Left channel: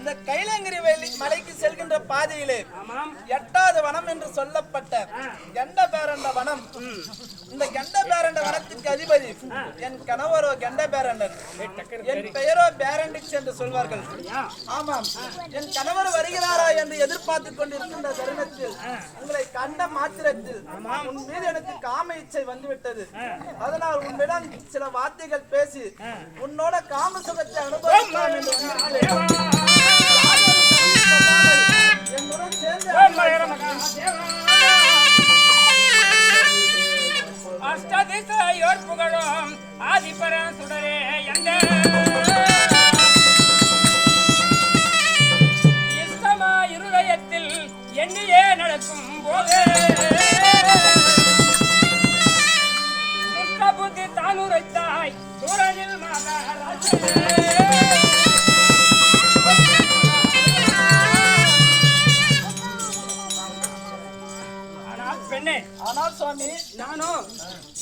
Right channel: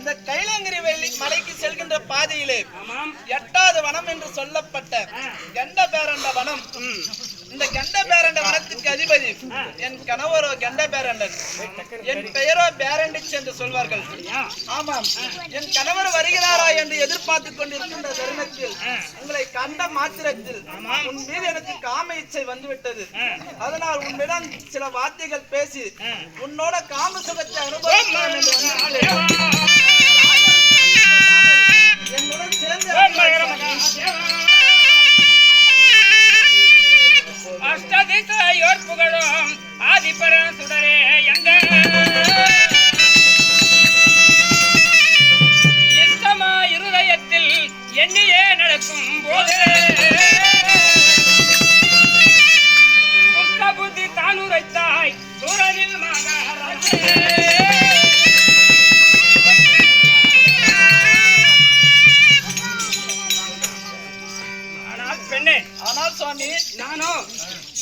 இந்த கைலங்கிரி மலைக்கு செல்கின்ற பாதையிலே 8வது வனம் என்று சொல்லப்பட்ட கெண்ட பேரண்ட வனம். இந்த கெண்ட பேரண்ட வனத்துக்கு அதிபதி என் கணவரோ கெண்ட பேரண்டன், என் பெயரோ பேரண்டிச் என்று சொல்வார்கள். ஆமாம், என் கணவர் வருகிறாரா என்று எதிர்பார்த்து கொண்டிருக்கின்ற தருணத்தில் உங்களை கண்ட மாத்திரத்தில் உன் மீது எனக்கு காம இச்சை வந்துவிட்டது. அதனால் உன்னிடம் சில வார்த்தைகள் பேசி உன்னோட காம சுகத்தை அனுபவிக்கலாம் என்று வந்திருக்கிறேன். என்னுடன் சேர்ந்து அஷ்டதிசையோர் புகழும் ஆதிபரன் சுடரே எங்க இஷ்டமா இருதயத்தில் எண்ணியே நடக்கும் போது துஷ்ட புத்தி தானுரைத்தாய் சூரனில் மகாராஜே. ஆனால் சுவாமி, நானும்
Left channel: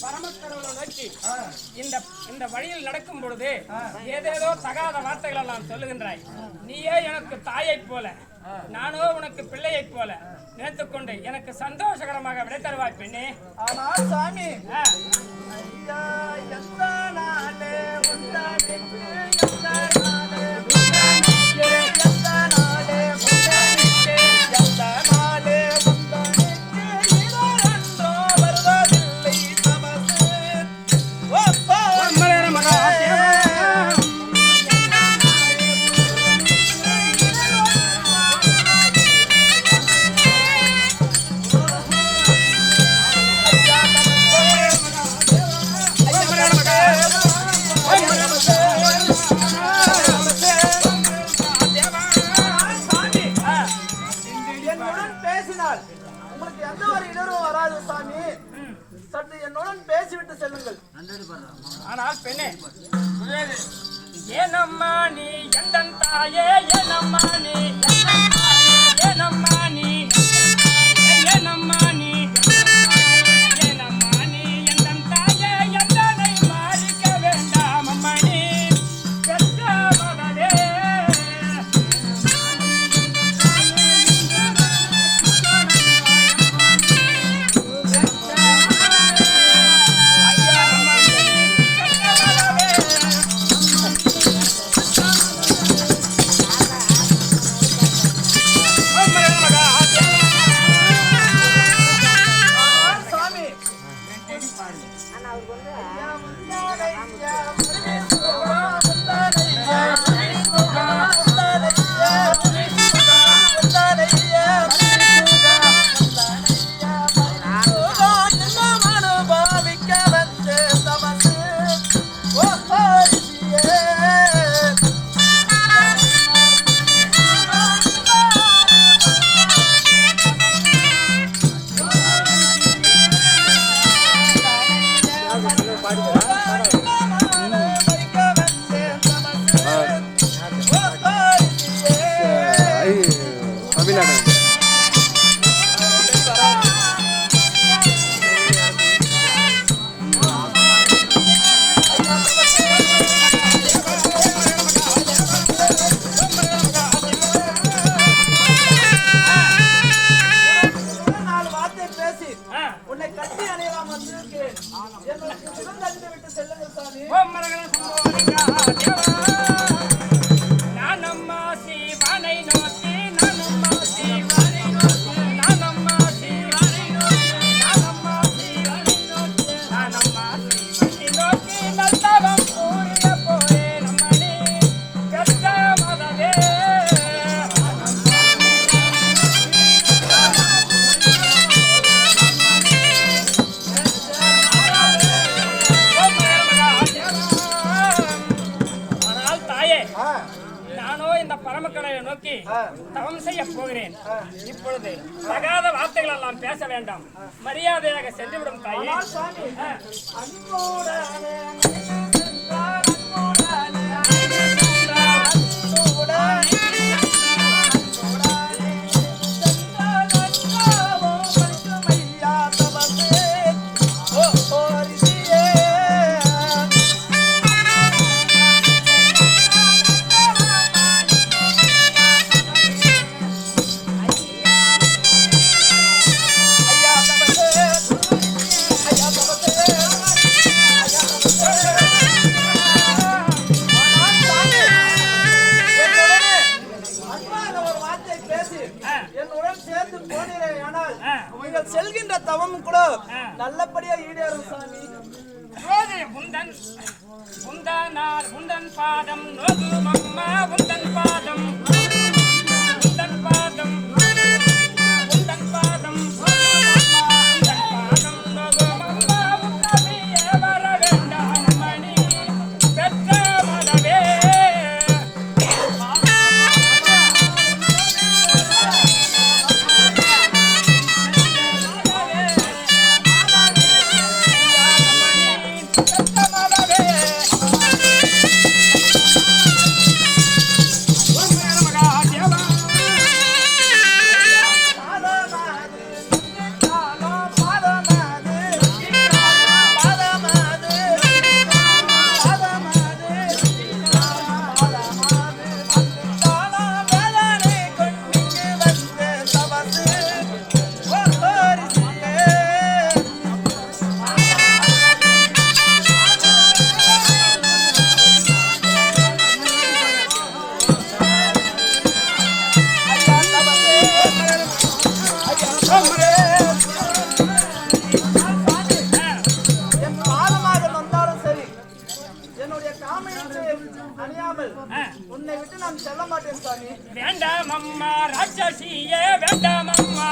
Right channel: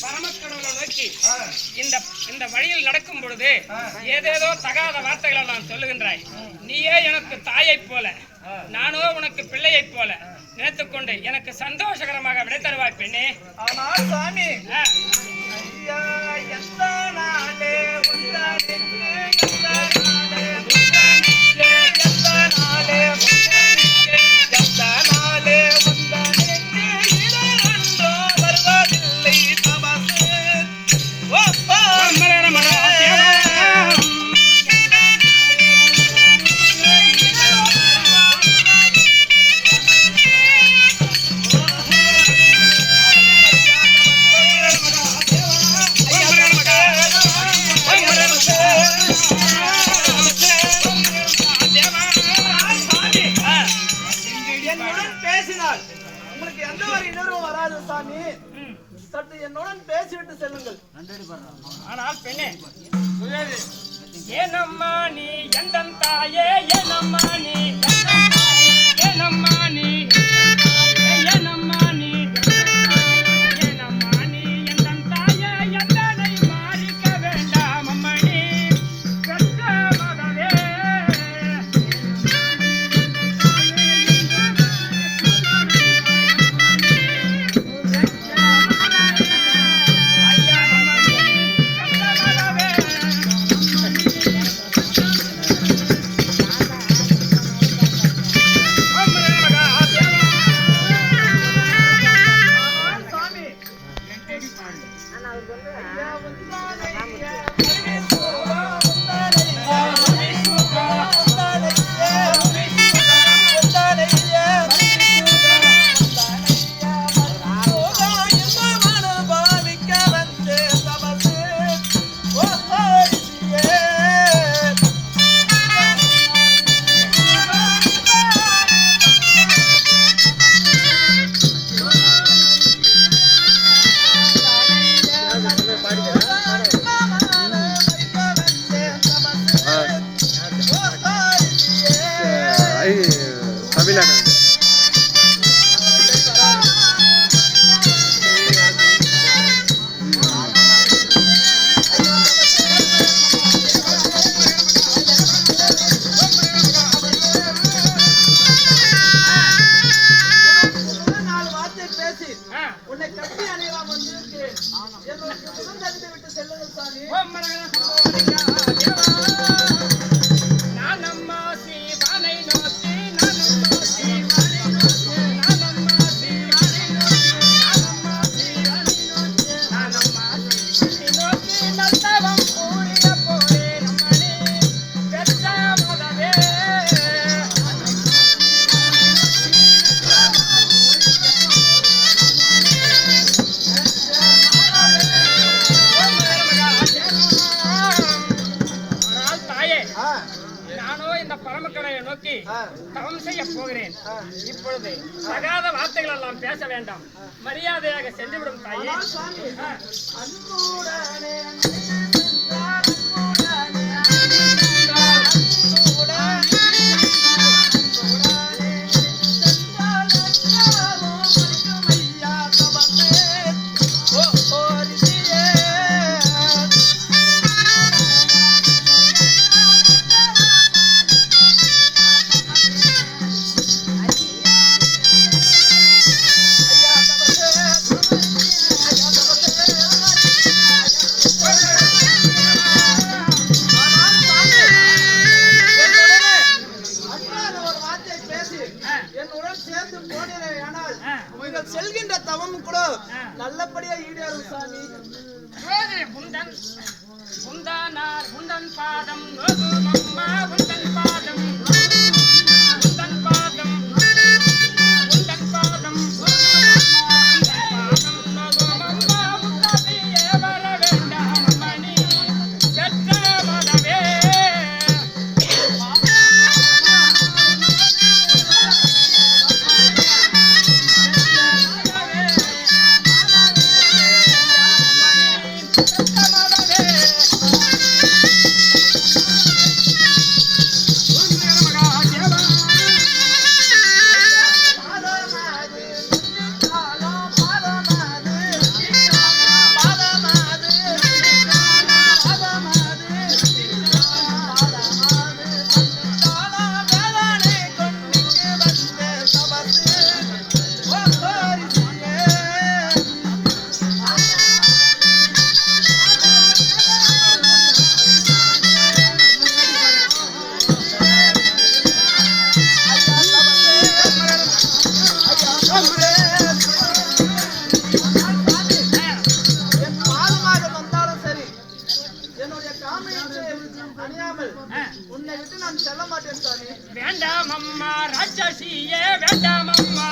பரமக்கடவுளை நோக்கி இந்த வழியில் நடக்கும் பொழுது ஏதேதோ தகாத வார்த்தைகளை நான் சொல்லுகின்றாய். நீயே எனக்கு தாயை போல, நானோ உனக்கு பிள்ளையை போல நினைத்துக்கொண்டு எனக்கு சந்தோஷகரமாக விடை தருவாய் பெண்ணே. ஆனால் சுவாமி, உங்களுக்கு எந்த ஒரு இடரும் வராது சாமி. சற்று என்னுடன் பேசிவிட்டு செல்லுங்கள். ஆனால் பெண்ணே, ஏனம்மா நீ எந்த தாயே, ஏனம்மா நீ ஏனம்மா நீ ஏனம்மா நீ ஏனம்மா நீ எந்த தாயே, எந்தனை மாறிக்க வேண்டாம் அம்மா நீ பெற்ற மகளே. நோக்கி தவம் செய்ய போகிறேன். இப்பொழுது தகாத வார்த்தைகள் எல்லாம் பேச வேண்டாம், மரியாதையாக சென்றுவிடும் தாயே. அழைத்து போனீரே ஆனால் நீங்கள் செல்கின்ற தவம் கூட நல்லபடியா ஈடேறும் சாமி. உந்தன் பாதம் நோகும் அம்மா, உந்தன் பாதம், உந்தன் பாதம், உந்தன் பாதம், உந்தன் பாதம் நோகும் அம்மா, உத்தமியே வர வேண்டாம் மணி பெற்ற மதவே. உன்னை விட்டு நான் செல்ல மாட்டேன் சாமி. வேண்டாம் அம்மா ராட்சசியே, வேண்டாம் அம்மா.